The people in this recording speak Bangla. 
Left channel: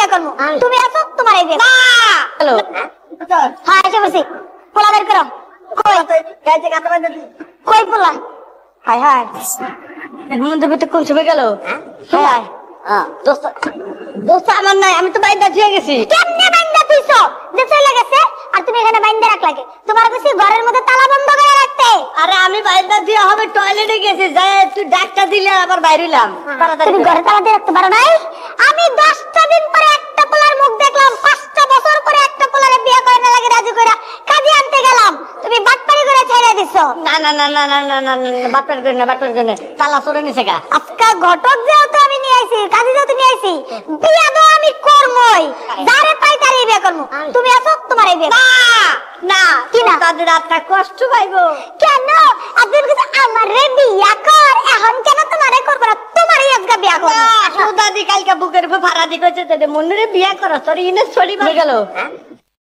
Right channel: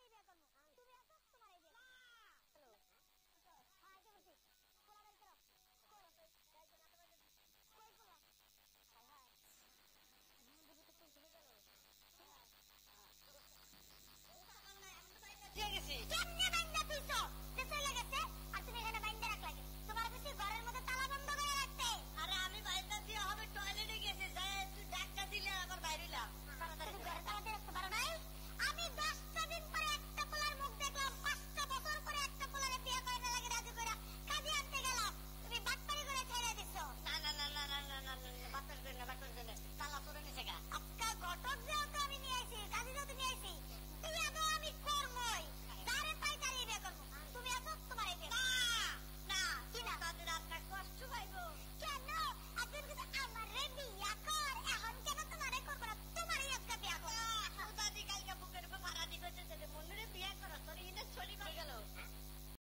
বিয়ে করবো। তুমি আছো, তোমার এই বিয়ে। হ্যালো, হ্যাঁ এসে বসি। পোলা বের করো। কই পোলা? হাই হাই, মন্দির ভিতরে কোন সময় গেল? হ্যাঁ দোস্ত, দোস্ত আমার নাই, আমি তো বাইরে দিয়ে গেছি। কেমনে বাইন্দা তুইছো যে চলে গেছে আর তুমি এখানে বাইন্দা রাখলা কে? তোমার কাছে ঘরের মধ্যে তালা বন্ধ করে রাখতে। আরে আমি বাইরে দিয়ে হবে টয়লেটে গেছি, যাই তুই ডাক্তার দিলে আবার বাইরে হইলাম। তুমি ঘরে তালা দিয়ে রাখতে পারো নাই? আমি 10টা দিন পরে একটা পোলার মুখ দেখলাম, 5টা বছর পরে একটা পোলারে বিয়ে করে না লাগে রাজি কইরা কাজে আনতে গেলাম, তুমি বাটপারি করে ছেড়ে দিছো। না না না না না না না না, বাটপার করে না, বাটপার করে না, তালা চলে নিছে গা। আজকা ঘটক যেহেতু আমি নিয়ে আইছি, কাজে যেহেতু নিয়ে আইছি, বিয়া তো আমি করবই। যারে পাই তারই বিয়ে করবো। তুমি আছো, তোমার এই বিয়ে। না কি না? তাদের আত্মা কষ্ট পাইবো। কেন? আপনার কাছে আমারে বিয়া কর, এখন কেন তোমারে করবো না? তোমারই আজকে বিয়া করবো। দাদি কালকে বুকের উপর ভাড়া দি কইছে যে মন্দিরে বিয়া করা তোর ইনে চলি গেল।